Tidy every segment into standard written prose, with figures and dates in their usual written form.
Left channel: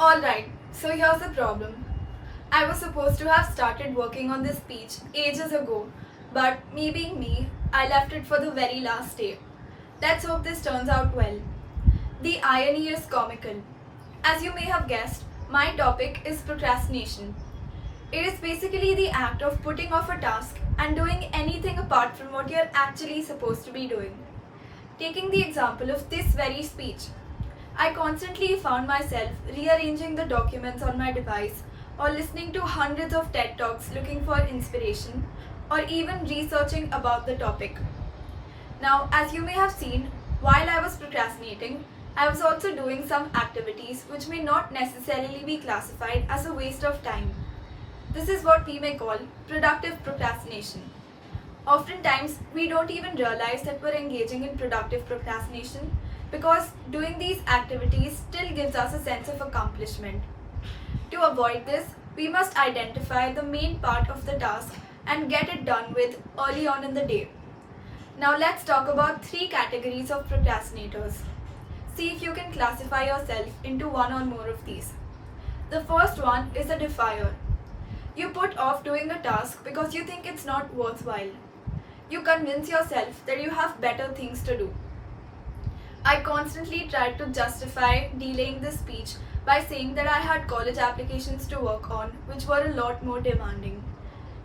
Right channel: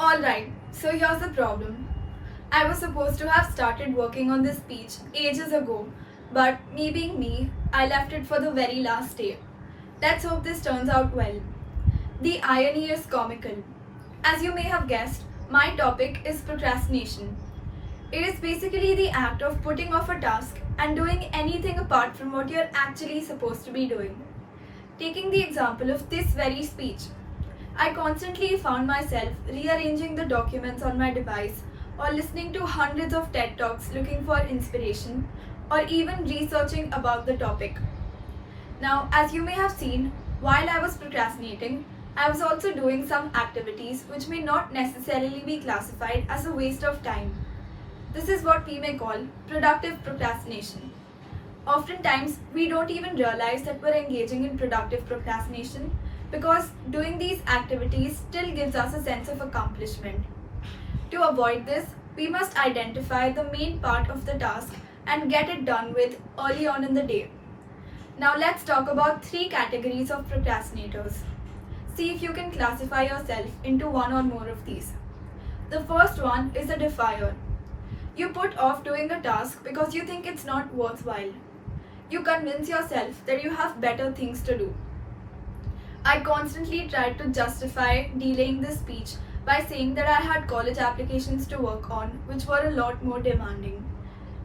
Alright, so here's the problem. I was supposed to have started working on this speech ages ago, but me being me, I left it for the very last day. Let's hope this turns out well. The irony is comical. As you may have guessed, my topic is procrastination. It is basically the act of putting off a task and doing anything apart from what you're actually supposed to be doing. Taking the example of this very speech, I constantly found myself rearranging the documents on my device or listening to hundreds of TED Talks looking for inspiration or even researching about the topic. Now, as you may have seen, while I was procrastinating, I was also doing some activities which may not necessarily be classified as a waste of time. This is what we may call productive procrastination. Oftentimes, we don't even realize that we're engaging in productive procrastination because doing these activities still gives us a sense of accomplishment. To avoid this, we must identify the main part of the task and get it done with early on in the day. Now let's talk about three categories of procrastinators. See if you can classify yourself into one or more of these. The first one is a defiler. You put off doing a task because you think it's not worthwhile. You convince yourself that you have better things to do. I constantly tried to justify delaying this speech by saying that I had college applications to work on, which were a lot more demanding.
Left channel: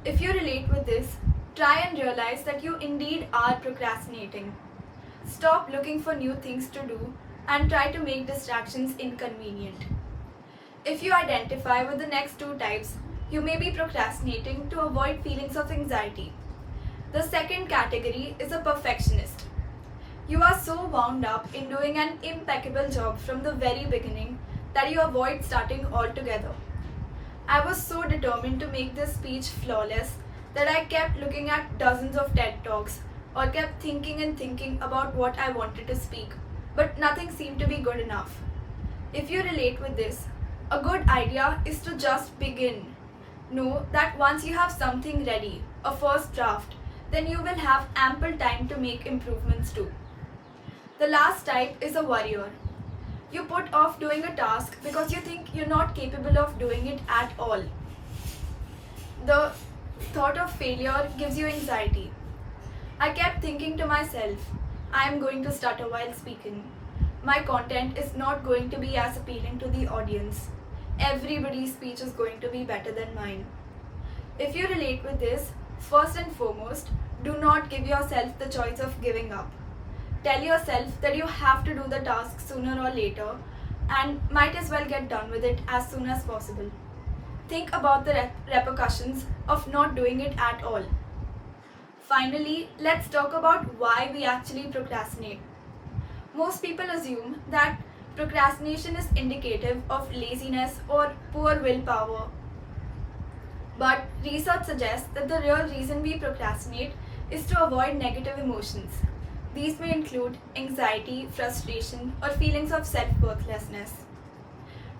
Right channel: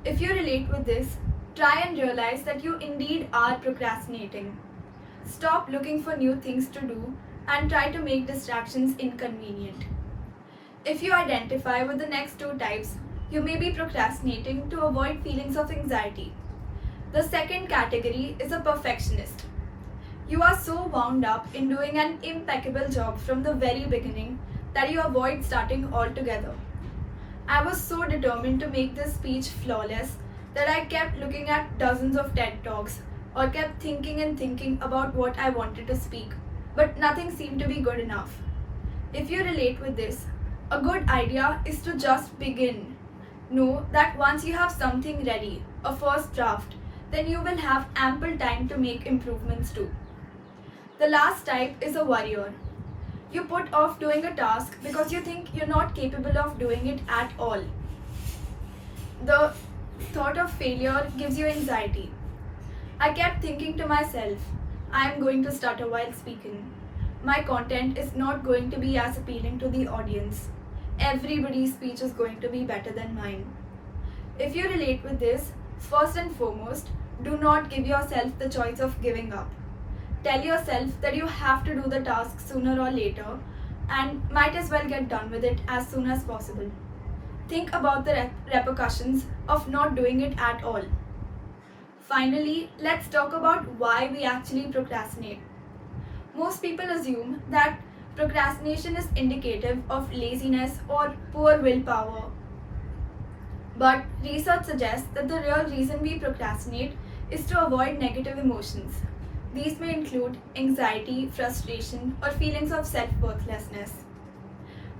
If you relate with this, try and realize that you indeed are procrastinating. Stop looking for new things to do and try to make distractions inconvenient. If you identify with the next two types, you may be procrastinating to avoid feelings of anxiety. The second category is a perfectionist. You are so wound up in doing an impeccable job from the very beginning that you avoid starting altogether. I was so determined to make this speech flawless that I kept looking at dozens of TED Talks or kept thinking and thinking about what I wanted to speak, but nothing seemed to be good enough. If you relate with this, a good idea is to just begin. Know that once you have something ready, a first draft, then you will have ample time to make improvements too. The last type is a worrier. You put off doing a task because you think you're not capable of doing it at all. The thought of failure gives you anxiety. I kept thinking to myself, I am going to stutter while speaking. My content is not going to be as appealing to the audience. Everybody's speech is going to be better than mine. If you relate with this, first and foremost, do not give yourself the choice of giving up. Tell yourself that you have to do the task sooner or later and might as well get done with it as soon as possible. Think about the repercussions of not doing it at all. Finally, let's talk about why we actually procrastinate. Most people assume that procrastination is indicative of laziness or poor willpower. But research suggests that the real reason we procrastinate is to avoid negative emotions. These may include anxiety, frustration, or feelings of self-worthlessness.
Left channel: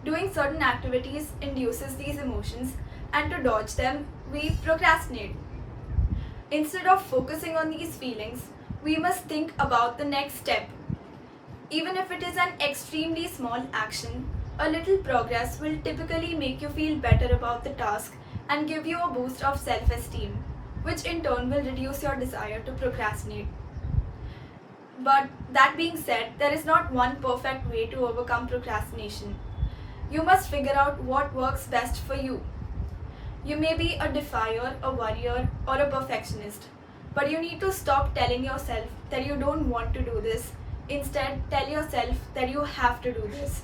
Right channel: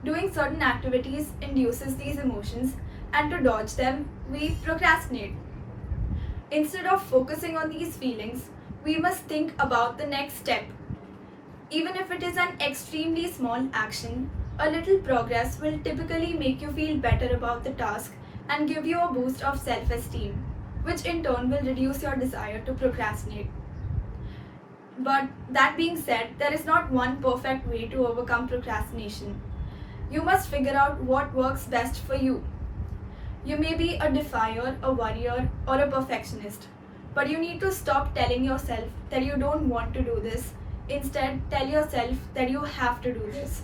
Doing certain activities induces these emotions, and to dodge them, we procrastinate. Instead of focusing on these feelings, we must think about the next step. Even if it is an extremely small action, a little progress will typically make you feel better about the task and give you a boost of self-esteem, which in turn will reduce your desire to procrastinate. But that being said, there is not one perfect way to overcome procrastination. You must figure out what works best for you. You may be a defier, a worrier, or a perfectionist, but you need to stop telling yourself that you don't want to do this. Instead, tell yourself that you have to do this.